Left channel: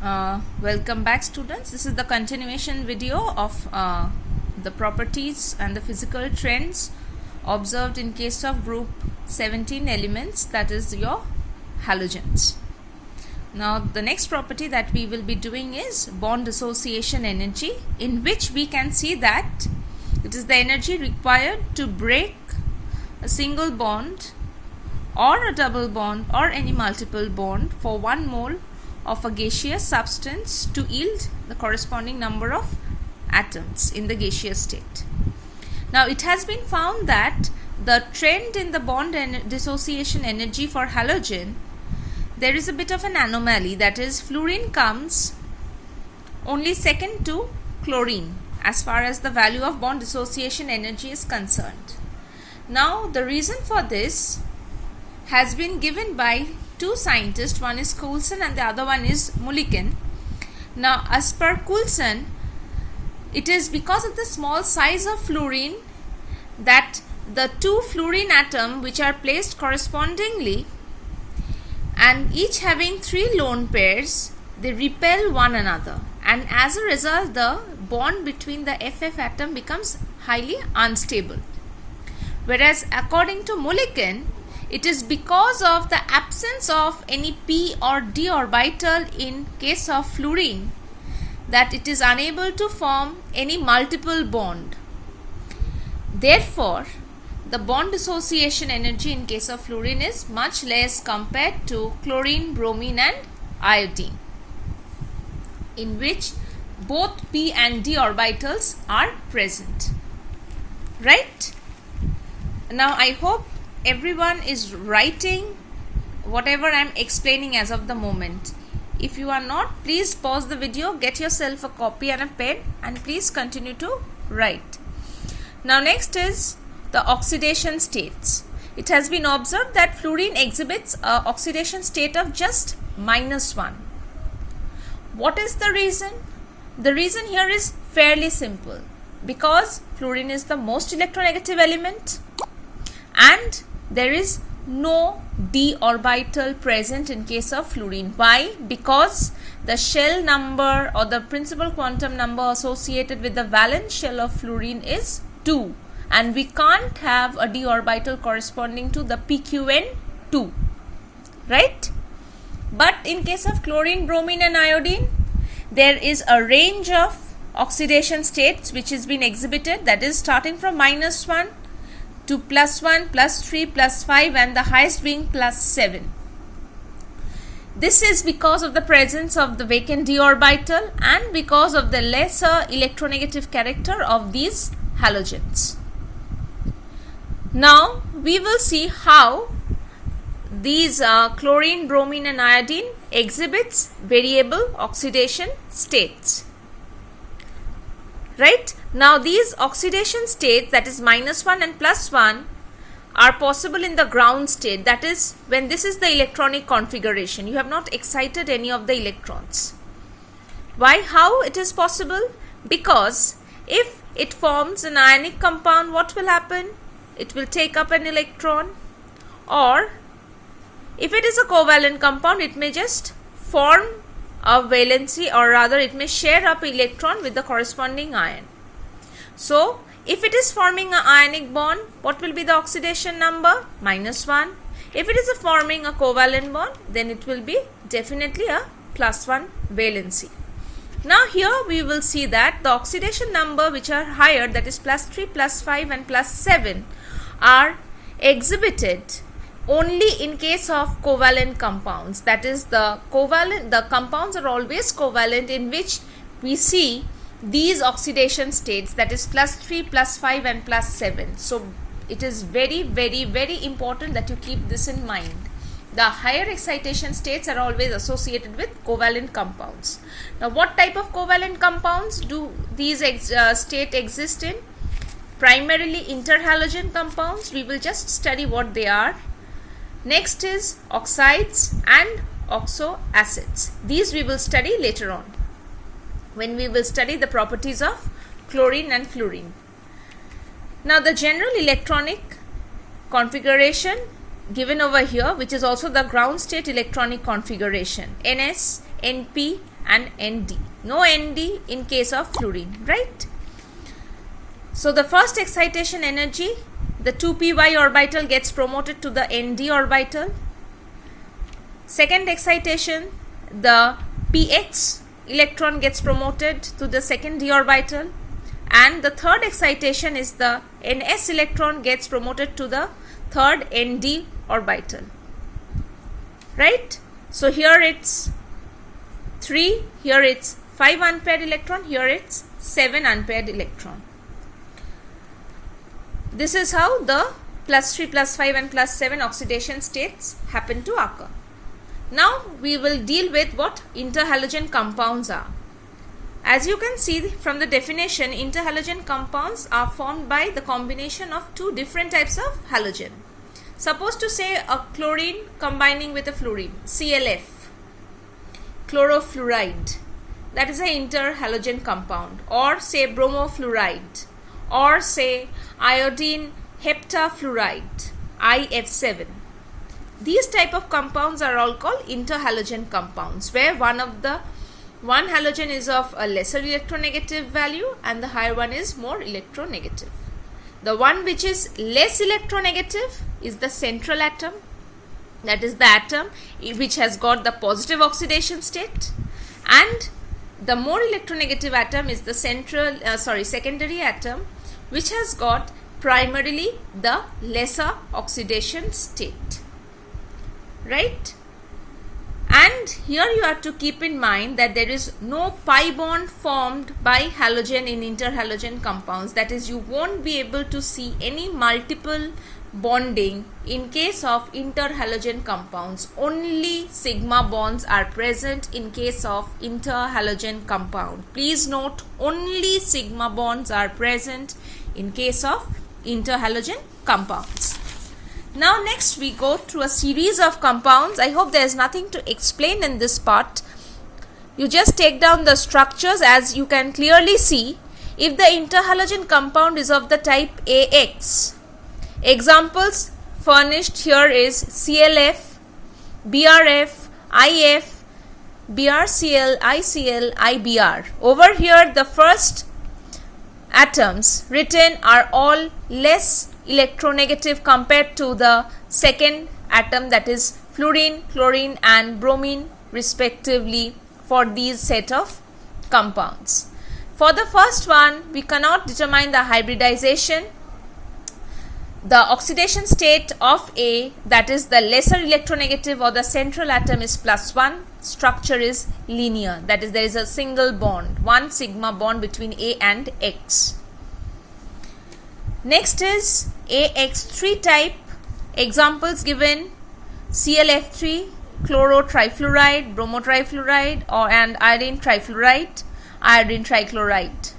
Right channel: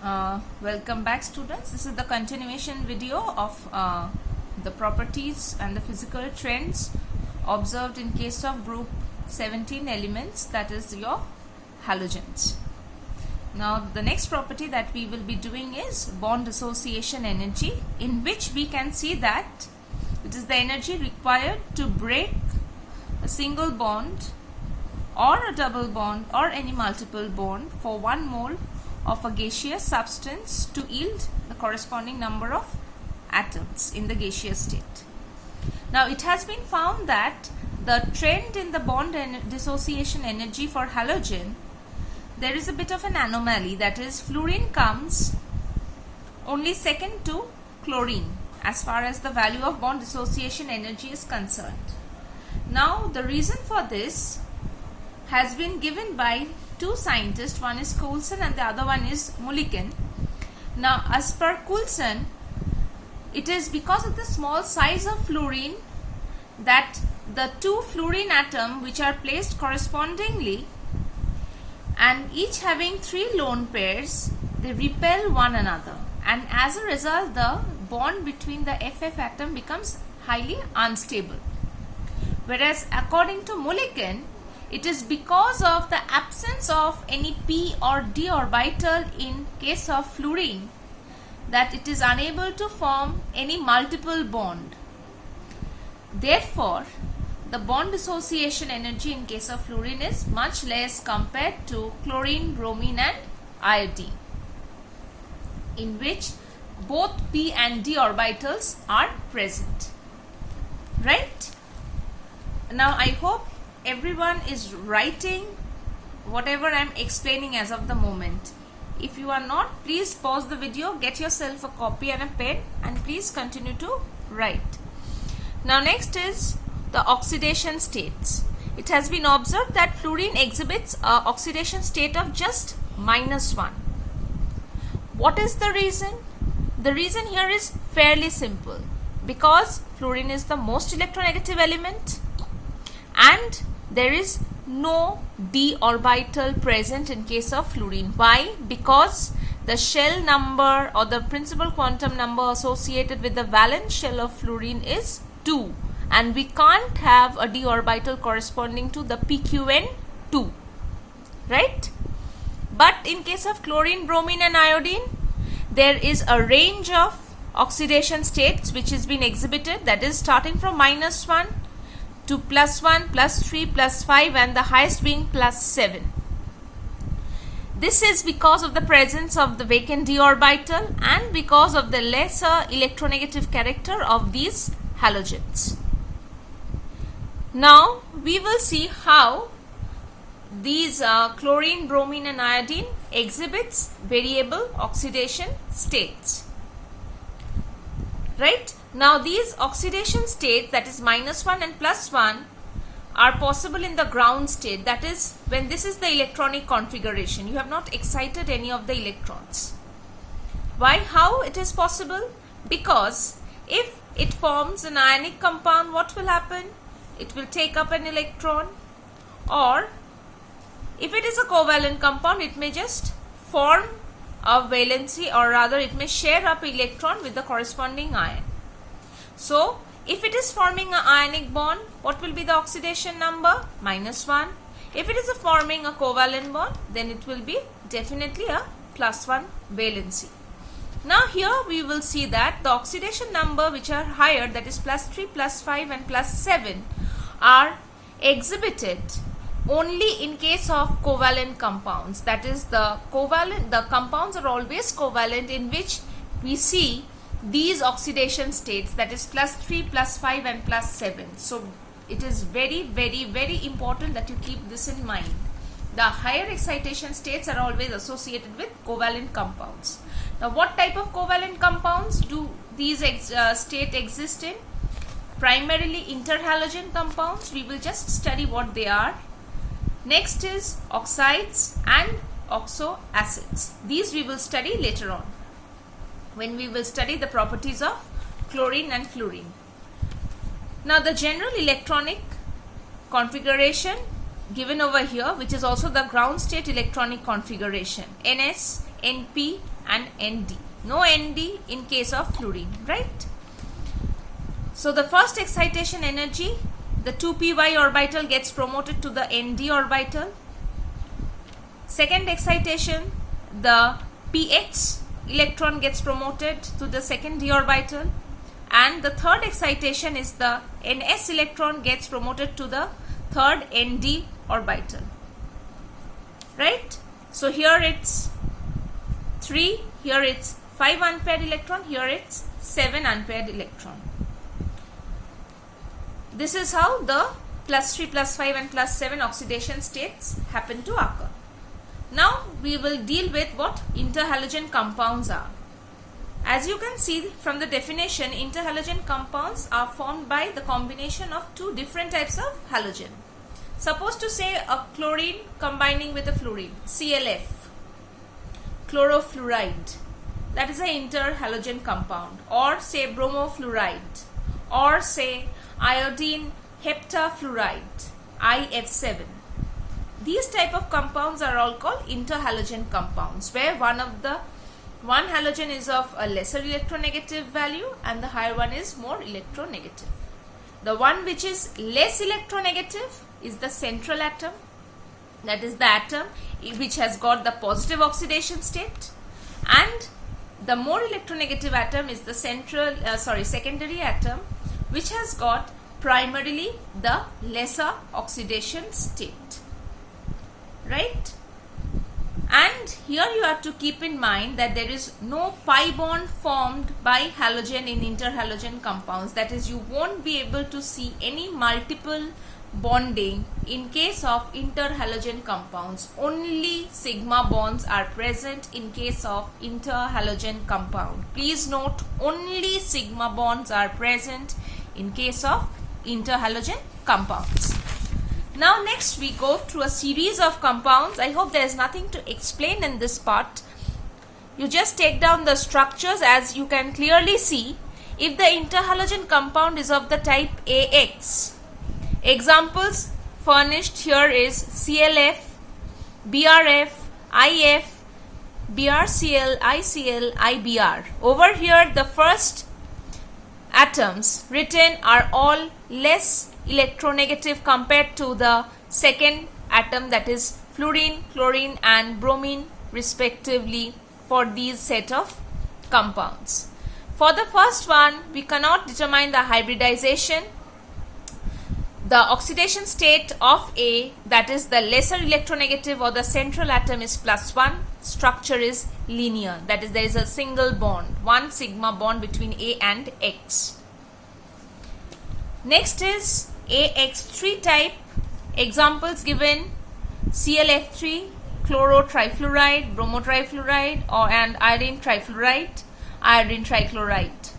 Welcome back, students. This is the continuation video of the properties and the physical trends observed in case of group 17 elements, that is your halogens. Now the next property that we will be doing is bond dissociation energy, in which we can see that it is the energy required to break a single bond or a double bond or any multiple bond for 1 mole of a gaseous substance to yield the corresponding number of atoms in the gaseous state. Now it has been found that the trend in the bond dissociation energy for halogen, there is a bit of an anomaly, that is fluorine comes only second to chlorine as far as the value of bond dissociation energy is concerned. Now the reason for this has been given by two scientists, one is Coulson and the other one is Mulliken. Now as per Coulson, it is because of the small size of fluorine that the two fluorine atoms which are placed correspondingly and each having 3 lone pairs, they repel one another, and as a result the bond between the FF atom becomes highly unstable. Whereas according to Mulliken, it is because of the absence of any p or d orbital in case of fluorine that it is unable to form any multiple bond. Therefore, the bond dissociation energy in case of fluorine is much less compared to chlorine, bromine and iodine, in which both p and d orbitals are present. Right? Now I hope everyone is writing whatever I am explaining as of the moment. If you are not, please pause the video, get yourself a copy and a pen, and please continue to write. Now next is the oxidation states. It has been observed that fluorine exhibits an oxidation state of just -1. What is the reason? The reason here is fairly simple. Because fluorine is the most electronegative element and there is no d orbital present in case of fluorine. Why? Because the shell number or the principal quantum number associated with the valence shell of fluorine is 2, and we can't have a d orbital corresponding to the pqn 2, right? But in case of chlorine, bromine and iodine, there is a range of oxidation states which has been exhibited, that is starting from -1 to +1, +3, +5 and the highest being +7. This is because of the presence of the vacant d orbital and because of the lesser electronegative character of these halogens. Now we will see how these chlorine, bromine and iodine exhibits variable oxidation states. Right? Now these oxidation states, that is -1 and +1, are possible in the ground state, that is when this is the electronic configuration. You have not excited any of the electrons. Why? How it is possible? Because if it forms an ionic compound, what will happen? It will take up an electron, or if it is a covalent compound, it may just form a valency, or rather it may share up electron with the corresponding ion. So if it is forming an ionic bond, what will be the oxidation number? -1. If it is forming a covalent bond, then it will be definitely a +1 valency. Now here we will see that the oxidation number which are higher, that is +3, +5 and +7, are exhibited only in case of covalent compounds. That is the compounds are always covalent, in which we see these oxidation states, that is +3, +5 and +7. So it is very, very, very important that you keep this in mind. The higher excitation states are always associated with covalent compounds. Now what type of covalent compounds do these state exist in? Primarily interhalogen compounds. We will just study what they are. Next is oxides and oxoacids. These we will study later on, when we will study the properties of chlorine and fluorine. Now the general electronic configuration given over here, which is also the ground state electronic configuration. Ns NP and ND. No ND in case of fluorine, right? So the first excitation energy, the 2p orbital gets promoted to the ND orbital. Second excitation, the px electron gets promoted to the second d orbital, and the third excitation is the ns electron gets promoted to the third nd orbital, right? So here it's 3, here it's 5 unpaired electron, here it's 7 unpaired electron. This is how the +3, +5 and +7 oxidation states happen to occur. Now we will deal with what interhalogen compounds are. As you can see from the definition, interhalogen compounds are formed by the combination of two different types of halogen. Suppose to say a chlorine combining with a fluorine, ClF, chlorofluoride, that is an interhalogen compound, or say bromofluoride, or say iodine heptafluoride, IF7. These type of compounds are all called interhalogen compounds, where one halogen is of a lesser electronegative value and the higher one is more electronegative. The one which is less electronegative is the central atom, that is the atom which has got the positive oxidation state, and the more electronegative atom is the secondary atom, which has got primarily the lesser oxidation state. Right? And here you have to keep in mind that there is no pi bond formed by halogen in interhalogen compounds. That is, you won't be able to see any multiple bonding in case of interhalogen compounds. Only sigma bonds are present in case of interhalogen compound. Please note, only sigma bonds are present in case of interhalogen compounds. Now next we go through a series of compounds. I hope there is nothing to explain in this part. You just take down the structures. As you can clearly see, if the interhalogen compound is of the type AX, examples furnished here is ClF, BRF, IF, BRCl, ICl, IBr. Over here the first atoms written are all less electronegative compared to the second atom, that is fluorine, chlorine and bromine respectively, for these set of compounds. For the first one, we cannot determine the hybridization. The oxidation state of A, that is the lesser electronegative or the central atom, is +1. Structure is linear, that is there is a single bond, one sigma bond between A and X. Next is AX3 type. Examples given: ClF3, chlorotrifluoride, bromotrifluoride, and iodine trifluoride, iodine trichloride.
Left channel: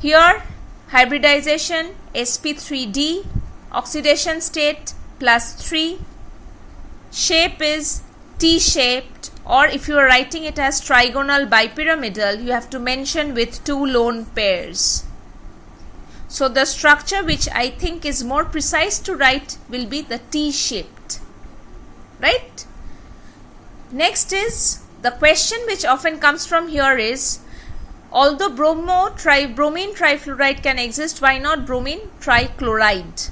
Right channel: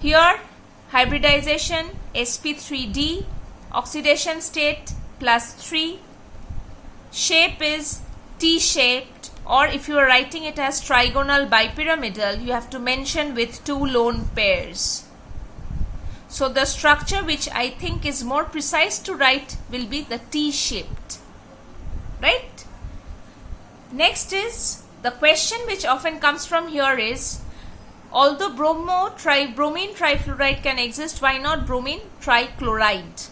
Here hybridization sp3d, oxidation state +3, shape is T-shaped, or if you are writing it as trigonal bipyramidal, you have to mention with 2 lone pairs. So the structure which I think is more precise to write will be the T-shaped, right? Next is the question which often comes from here is, although bromine trifluoride can exist, why not bromine trichloride?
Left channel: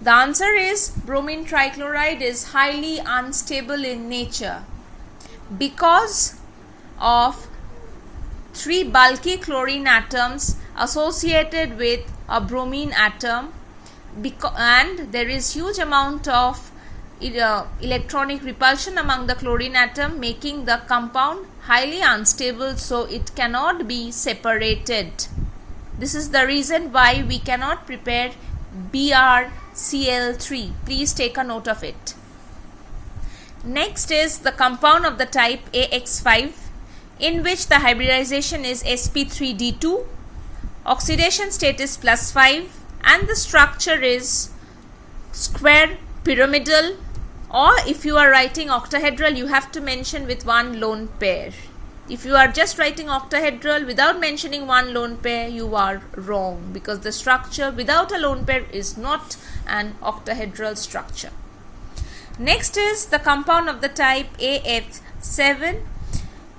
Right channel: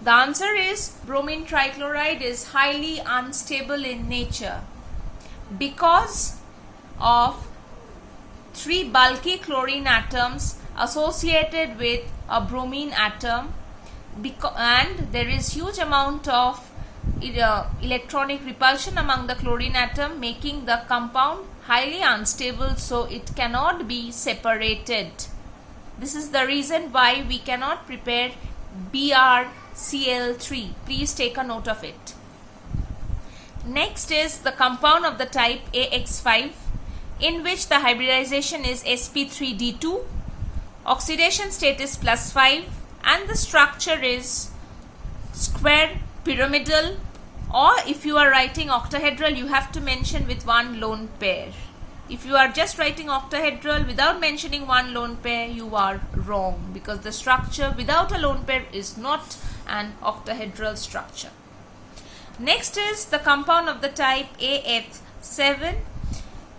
The answer is bromine trichloride is highly unstable in nature because of 3 bulky chlorine atoms associated with a bromine atom, and there is huge amount of electronic repulsion among the chlorine atom, making the compound highly unstable, so it cannot be separated. This is the reason why we cannot prepare BrCl3. Please take a note of it. Next is the compound of the type AX5, in which the hybridization is sp3d2, oxidation state is +5, and the structure is square pyramidal, or if you are writing octahedral, you have to mention with 1 lone pair. If you are just writing octahedral without mentioning 1 lone pair, you are wrong, because the structure without a lone pair is not an octahedral structure. Next is the compound of the type AF6, 7.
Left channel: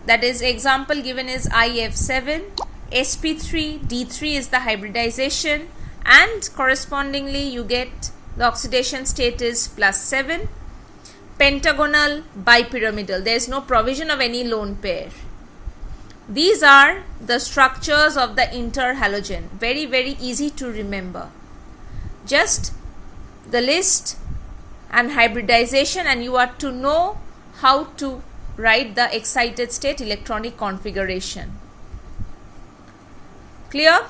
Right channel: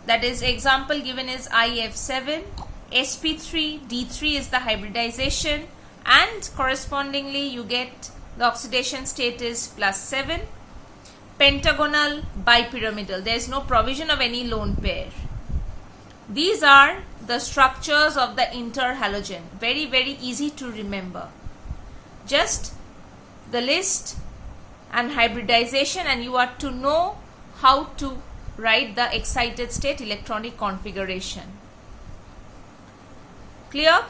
That is, example given is IF7, sp3, D3 is the hybridization, and correspondingly you get the oxidation state is +7. Pentagonal bipyramidal, there is no provision of any lone pair. These are the structures of the interhalogen. Very, very easy to remember. Just the list and hybridization, and you are to know how to write the excited state electronic configuration. Clear?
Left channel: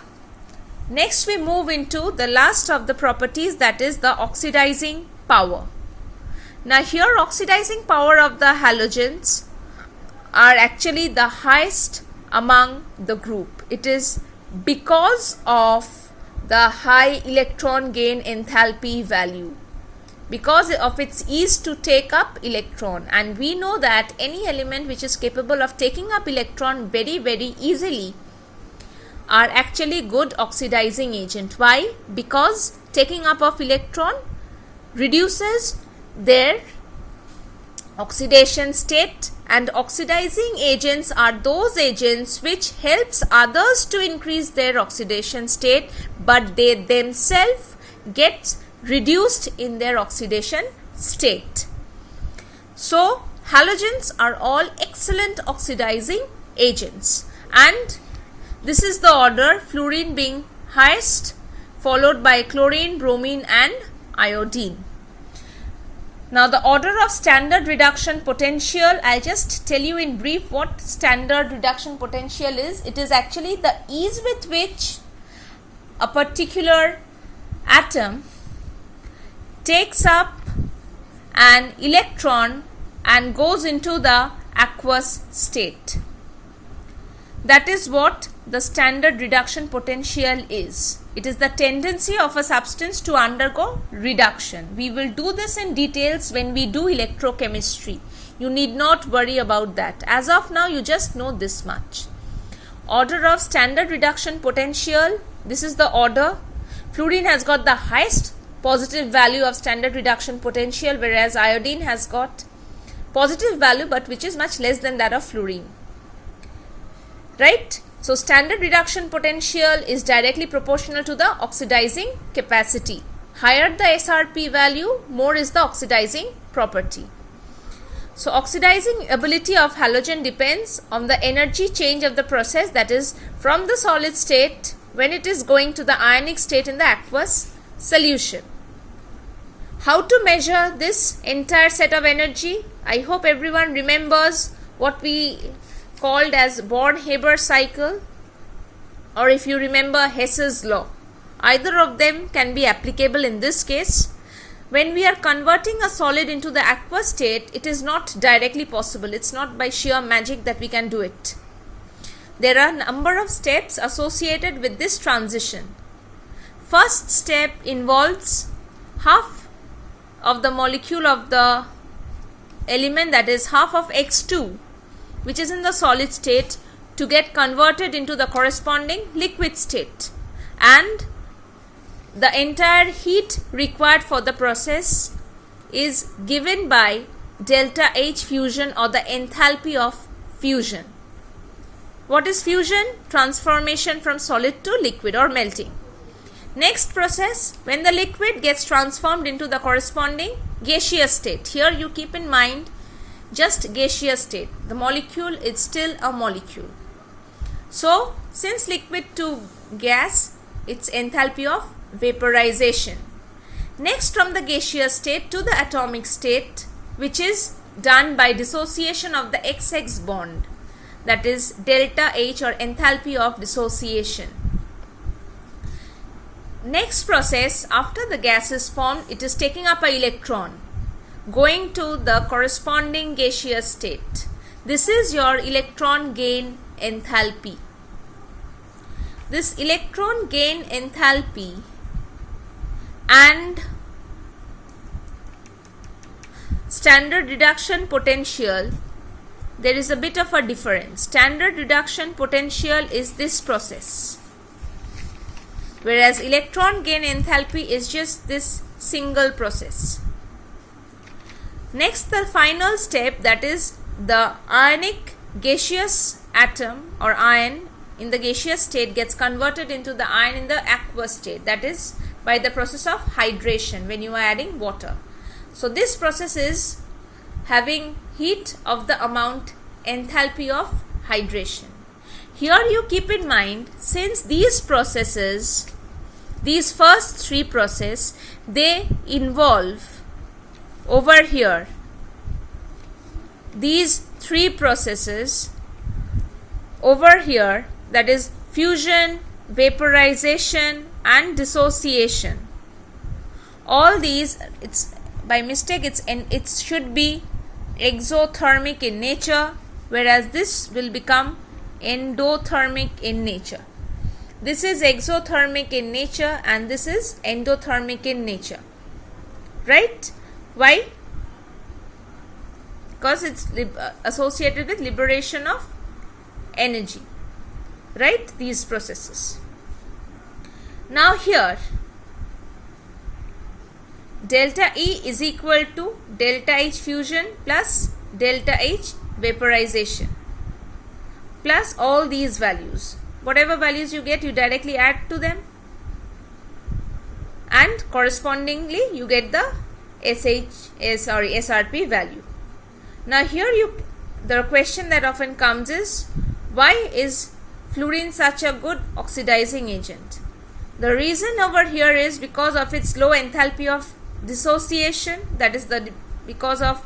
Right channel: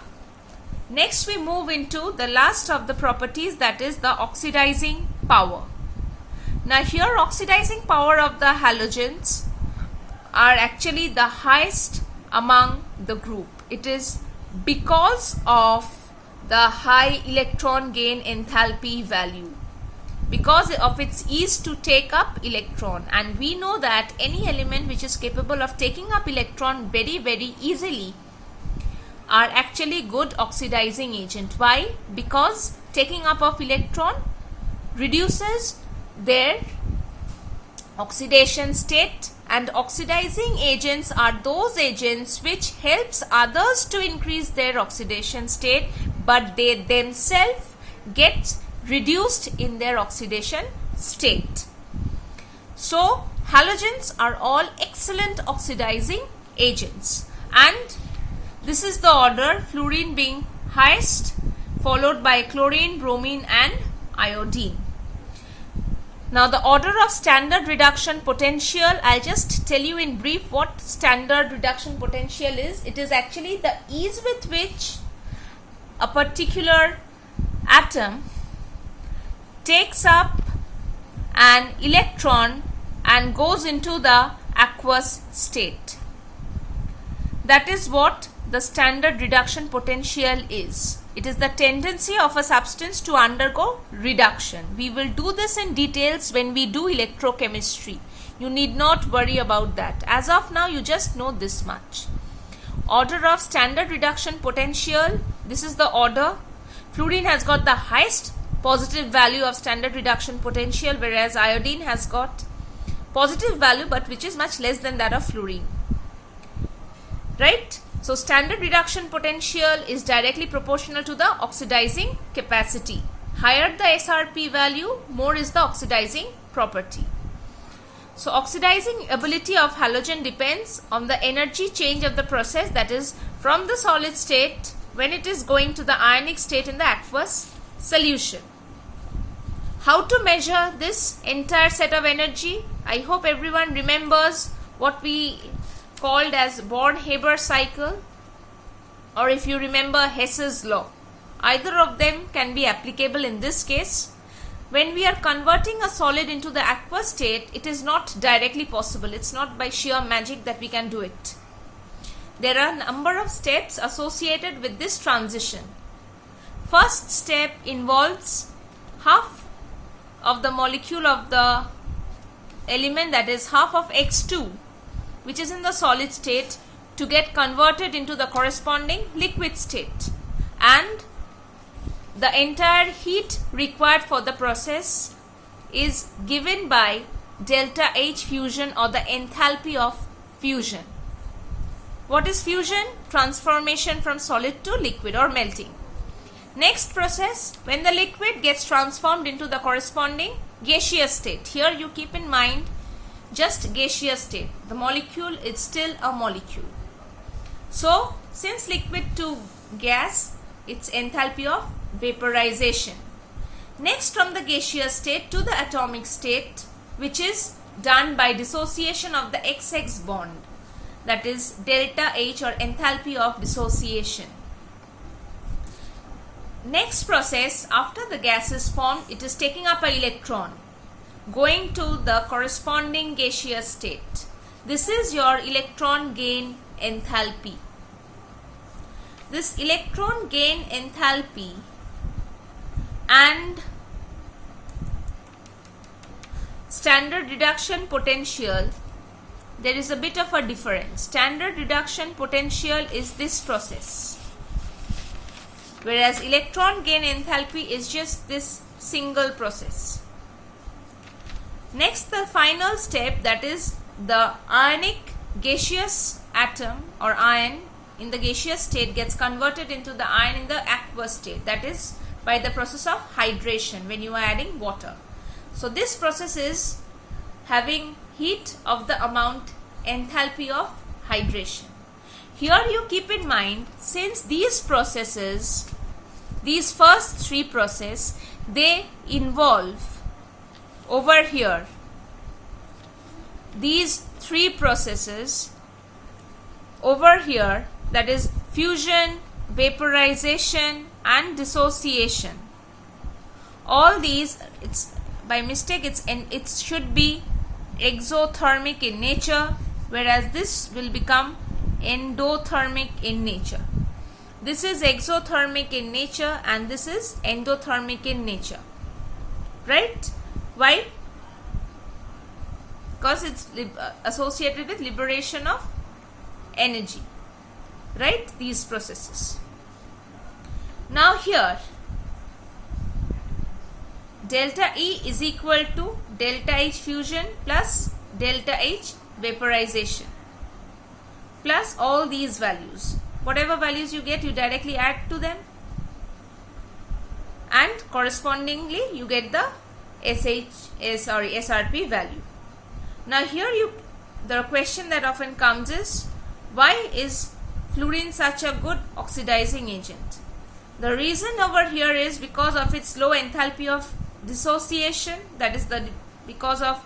Next we move into the last of the properties, that is the oxidizing power. Now here oxidizing power of the halogens are actually the highest among the group. It is because of the high electron gain enthalpy value, because of its ease to take up electron, and we know that any element which is capable of taking up electron very, very easily are actually good oxidizing agent. Why? Because taking up of electron reduces their oxidation state, and oxidizing agents are those agents which helps others to increase their oxidation state, but they themselves get reduced in their oxidation state. So halogens are all excellent oxidizing agents, and this is the order, fluorine being highest, followed by chlorine, bromine and iodine. Now the order of standard reduction potential, I'll just tell you in brief what standard reduction potential is. It is actually the ease with which a particular atom takes up an electron and goes into the aqueous state. That is what the standard reduction potential is. It is the tendency of a substance to undergo reduction. We will do this in details when we do electrochemistry. You need not worry about that. As of now, you just know this much. Order of standard reduction potential, this is the order. Fluorine has got the highest positive value of standard reduction potential, whereas iodine has got positive value but which is much less than that of fluorine. Right? So standard reduction potential is directly proportional to the oxidizing capacity. Higher the SRP value, more is the oxidizing property. So oxidizing ability of halogen depends on the energy change of the process, that is from the solid state when it is going to the ionic state in the aqueous solution. How to measure this entire set of energy? I hope everyone remembers what we called as Born-Haber cycle, or if you remember Hess's law. Either of them can be applicable in this case. When we are converting a solid into the aqueous state, it is not directly possible. It's not by sheer magic that we can do it. There are a number of steps associated with this transition. First step involves half of the molecule of the element, that is half of X2, which is in the solid state, to get converted into the corresponding liquid state, and the entire heat required for the process is given by delta H fusion, or the enthalpy of fusion. What is fusion? Transformation from solid to liquid, or melting. Next process, when the liquid gets transformed into the corresponding gaseous state. Here you keep in mind just gaseous state. The molecule is still a molecule. So since liquid to gas, it's enthalpy of vaporization. Next, from the gaseous state to the atomic state, which is done by dissociation of the XX bond, that is delta H, or enthalpy of dissociation. Next process, after the gas is formed, it is taking up an electron going to the corresponding gaseous state. This is your electron gain enthalpy. This electron gain enthalpy and standard reduction potential, there is a bit of a difference. Standard reduction potential is this process, whereas electron gain enthalpy is just this single process. Next, the final step, that is the ionic gaseous atom or ion in the gaseous state gets converted into the ion in the aqueous state, that is by the process of hydration when you are adding water. So this process is having heat of the amount enthalpy of hydration. Here you keep in mind, since these processes, these first three processes, they involve over here, these three processes over here, that is fusion, vaporization and dissociation. All these, it's by mistake it should be exothermic in nature, whereas this will become endothermic in nature. This is exothermic in nature and this is endothermic in nature, right? Why? Because it's associated with liberation of energy, right? These processes. Now here delta E is equal to delta H fusion plus delta H vaporization plus all these values. Whatever values you get, you directly add to them and correspondingly you get the SRP value. Now here the question that often comes is, why is fluorine such a good oxidizing agent? The reason over here is because of its low enthalpy of dissociation, that is because of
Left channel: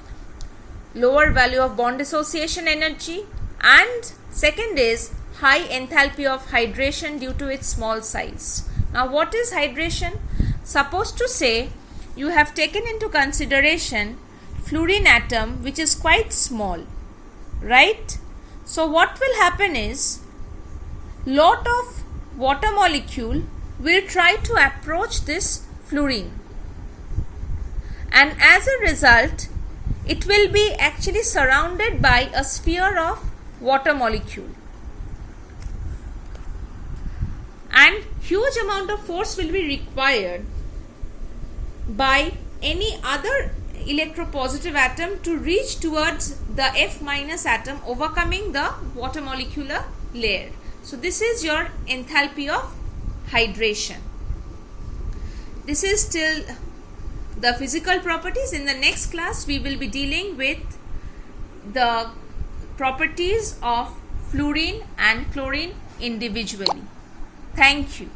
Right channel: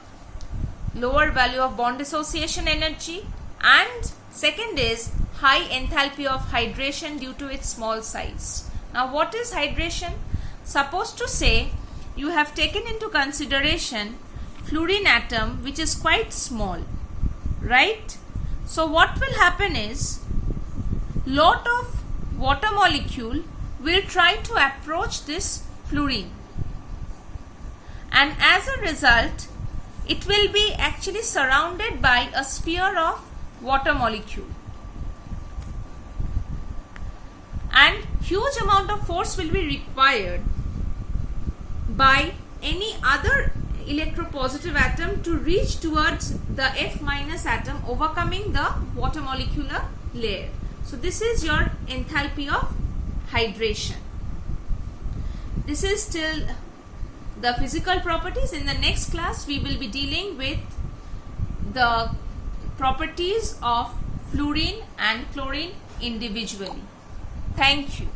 lower value of bond dissociation energy, and second is high enthalpy of hydration due to its small size. Now what is hydration? Suppose to say you have taken into consideration fluorine atom which is quite small, right? So what will happen is, lot of water molecule will try to approach this fluorine, and as a result it will be actually surrounded by a sphere of water molecule, and huge amount of force will be required by any other electropositive atom to reach towards the F minus atom, overcoming the water molecular layer. So this is your enthalpy of hydration. This is still the physical properties. In the next class we will be dealing with the properties of fluorine and chlorine individually. Thank you.